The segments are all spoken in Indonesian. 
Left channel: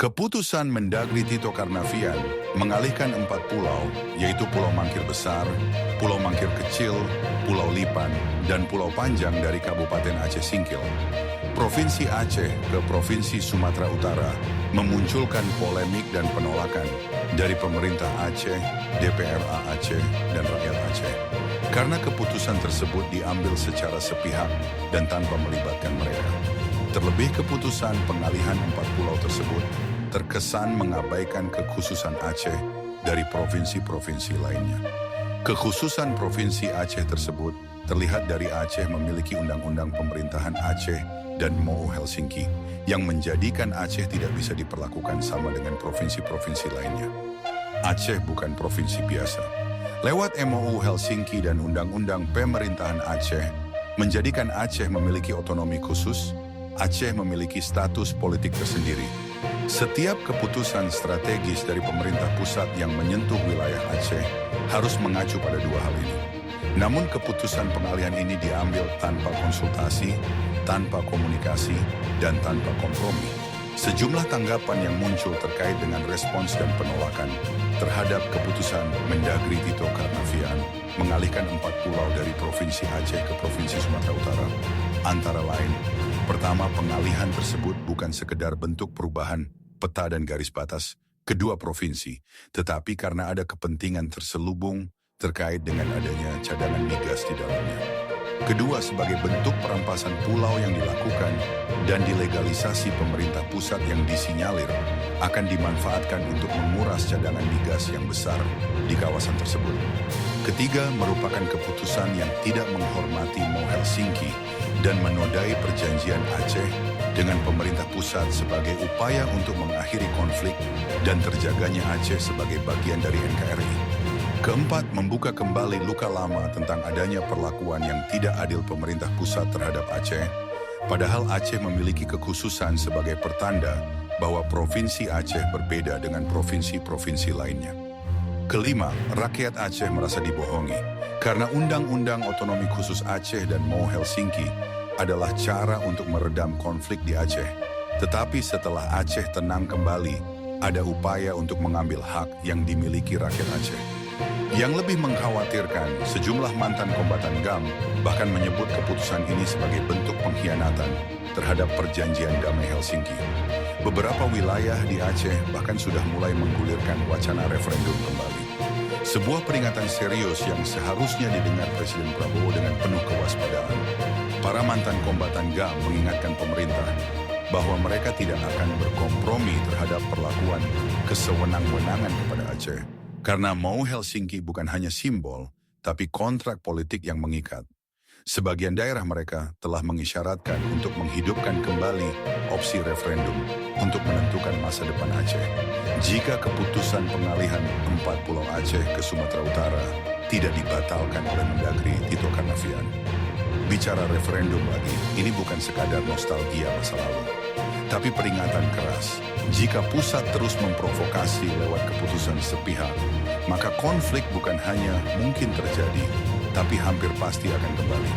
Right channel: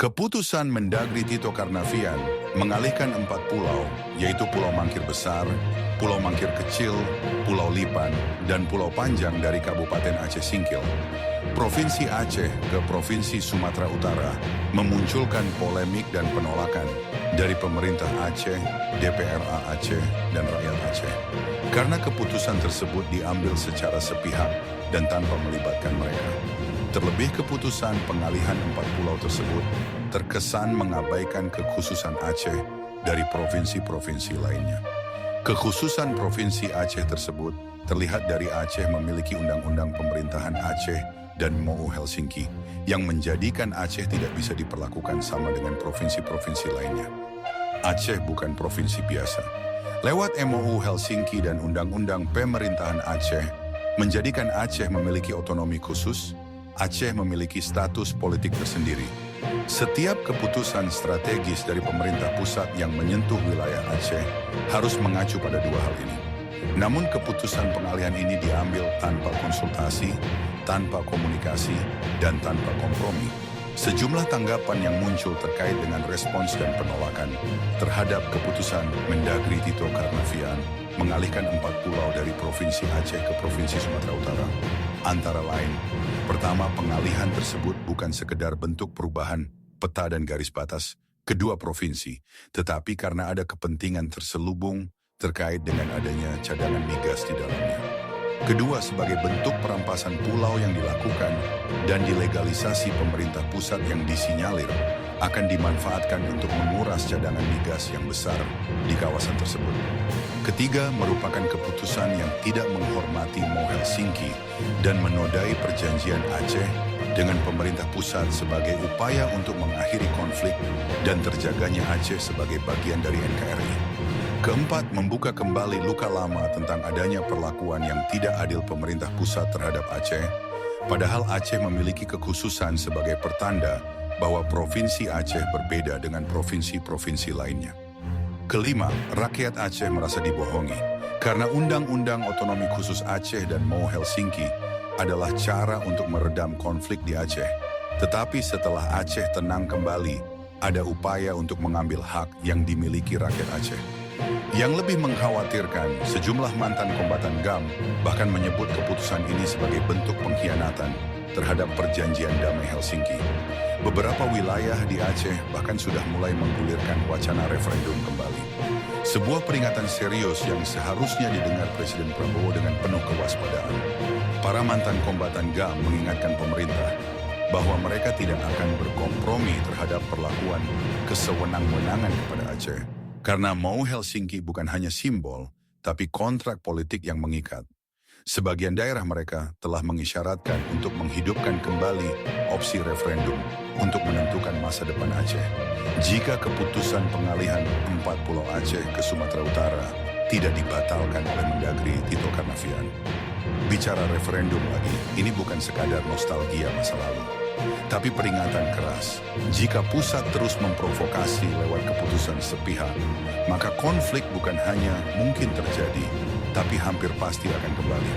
Keputusan Mendagri Tito Karnavian mengalihkan 4 pulau, yaitu Pulau Mangkir Besar, Pulau Mangkir Kecil, Pulau Lipan, dan Pulau Panjang dari Kabupaten Aceh Singkil, Provinsi Aceh ke Provinsi Sumatera Utara, memunculkan polemik dan penolakan dari pemerintah Aceh, DPRA Aceh, dan rakyat Aceh. Karena keputusan tersebut diambil secara sepihak dan tanpa melibatkan mereka. Terlebih keputusan pengalihan 4 pulau tersebut terkesan mengabaikan kekhususan Aceh dari provinsi-provinsi lainnya. Kekhususan Provinsi Aceh tersebut terlihat dari Aceh memiliki undang-undang pemerintahan Aceh dan MoU Helsinki yang menjadikan Aceh tidak bisa diperlakukan sama dengan provinsi-provinsi lainnya. Aceh bukan provinsi biasa. Lewat MoU Helsinki dan Undang-Undang Pemerintahan Aceh menjadikan Aceh memiliki otonomi khusus. Aceh memiliki status politik tersendiri. Setiap keputusan strategis dari pemerintah pusat yang menyentuh wilayah Aceh harus mengacu pada dua hal ini. Namun keputusan pengalihan ini diambil tanpa konsultasi, tanpa komunikasi, dan tanpa kompromi. Sejumlah tanggapan yang muncul terkait dengan respons dan penolakan terhadap keputusan Mendagri Tito Karnavian mengalihkan 4 pulau dari Provinsi Aceh ke Provinsi Sumatera Utara. Antara lain, pertama, pengalihan tersebut bukan sekedar bentuk perubahan peta dan garis batas kedua provinsi, tetapi karena ada kepentingan terselubung terkait dengan adanya cadangan migas di dalamnya. Kedua, sebagai bentuk perampasan pulau yang dilakukan dan dilegalisasi pemerintah pusat yang disinyalir akan dimanfaatkan untuk menguras cadangan migas yang besar di kawasan tersebut. Ketiga, merupakan keputusan yang tidak menghormati MoU Helsinki dan menodai perjanjian Aceh dengan pemerintah pusat sebagai upaya untuk mengakhiri konflik dan terjaganya Aceh sebagai bagian dari NKRI. Keempat, membuka kembali luka lama tentang adanya perlakuan yang tidak adil pemerintah pusat terhadap Aceh, padahal Aceh memiliki kekhususan sebagai pertanda bahwa Provinsi Aceh berbeda dengan provinsi-provinsi lainnya. Kelima, rakyat Aceh merasa dibohongi karena Undang-Undang Otonomi Khusus Aceh dan MoU Helsinki adalah cara untuk meredam konflik di Aceh. Tetapi setelah Aceh tenang kembali, ada upaya untuk mengambil hak yang dimiliki rakyat Aceh. Yang lebih mengkhawatirkan, sejumlah mantan kombatan GAM bahkan menyebut keputusan ini sebagai bentuk pengkhianatan terhadap perjanjian damai Helsinki. Beberapa wilayah di Aceh bahkan sudah mulai menggulirkan wacana referendum kembali. Sebuah peringatan serius yang seharusnya didengar Presiden Prabowo dengan penuh kewaspadaan. Para mantan kombatan GAM mengingatkan pemerintah bahwa mereka tidak akan berkompromi terhadap perlakuan kesewenang-wenangan kepada Aceh. Karena MoU Helsinki bukan hanya simbol, tapi kontrak politik yang mengikat. Sebagian daerah mereka telah mengisyaratkan untuk menghidupkan kembali opsi referendum untuk menentukan masa depan Aceh. Jika keputusan pengalihan 4 pulau Aceh ke Sumatera Utara tidak dibatalkan oleh Mendagri Tito Karnavian. Bicara referendum lagi, ini bukan sekadar nostalgia masa lalu, tapi peringatan keras. Jika pusat terus memprovokasi lewat keputusan sepihak, maka konflik bukan hanya mungkin terjadi, tapi hampir pasti akan kembali.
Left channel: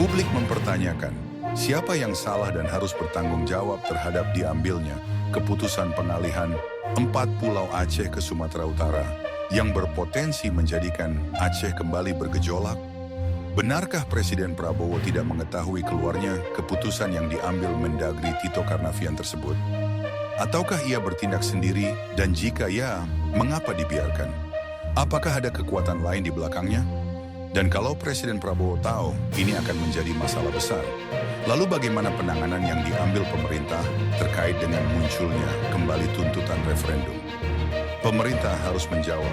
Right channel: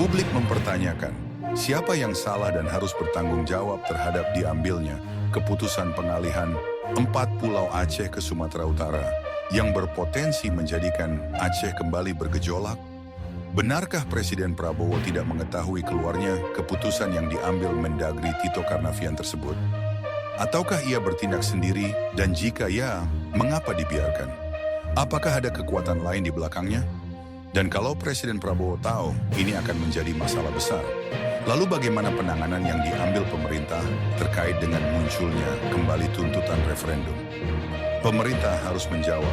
Publik mempertanyakan, siapa yang salah dan harus bertanggung jawab terhadap diambilnya keputusan pengalihan 4 pulau Aceh ke Sumatera Utara yang berpotensi menjadikan Aceh kembali bergejolak? Benarkah Presiden Prabowo tidak mengetahui keluarnya keputusan yang diambil Mendagri Tito Karnavian tersebut? Ataukah ia bertindak sendiri, dan jika ya, mengapa dibiarkan? Apakah ada kekuatan lain di belakangnya? Dan kalau Presiden Prabowo tahu ini akan menjadi masalah besar, lalu bagaimana penanganan yang diambil pemerintah terkait dengan munculnya kembali tuntutan referendum? Pemerintah harus menjawab,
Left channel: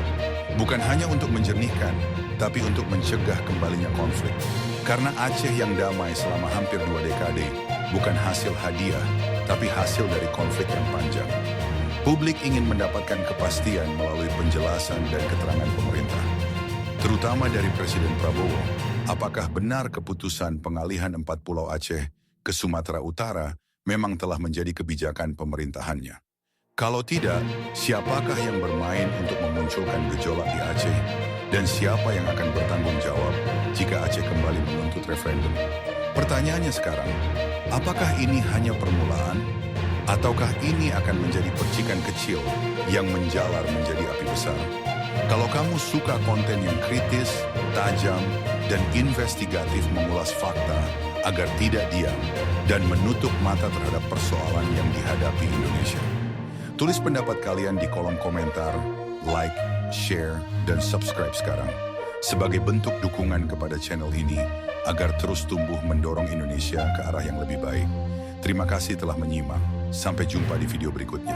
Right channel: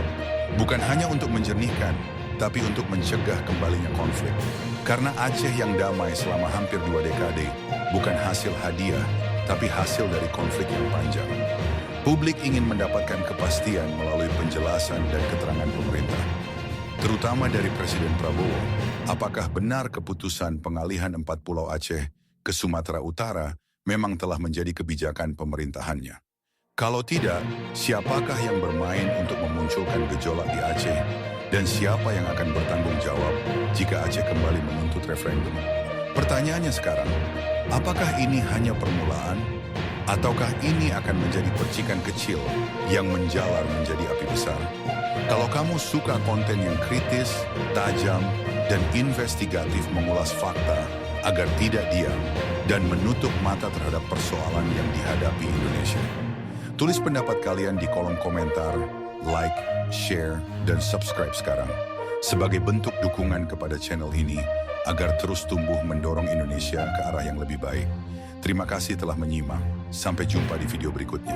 bukan hanya untuk menjernihkan, tapi untuk mencegah kembalinya konflik. Karena Aceh yang damai selama hampir 2 dekade bukan hasil hadiah, tapi hasil dari konflik yang panjang. Publik ingin mendapatkan kepastian melalui penjelasan dan keterangan pemerintah, terutama dari Presiden Prabowo. Apakah benar keputusan pengalihan 4 pulau Aceh ke Sumatera Utara memang telah menjadi kebijakan pemerintahannya? Kalau tidak, siapakah yang bermain untuk memunculkan gejolak di Aceh? Dan siapa yang akan bertanggung jawab jika Aceh kembali menuntut referendum? Pertanyaannya sekarang, apakah ini hanya permulaan Ataukah ini akan menjadi percikan kecil yang menjalar menjadi api besar? Kalau kamu suka konten yang kritis, tajam, dan investigatif mengulas fakta agar tidak diam dan menutup mata terhadap persoalan yang dihadapi Indonesia, tulis pendapat kalian di kolom komentar, like, share, dan subscribe sekarang sebagai bentuk dukungan kepada channel ini agar terus tumbuh mendorong Indonesia ke arah yang lebih baik. Terima kasih telah menyimak. Sampai jumpa di video berikutnya.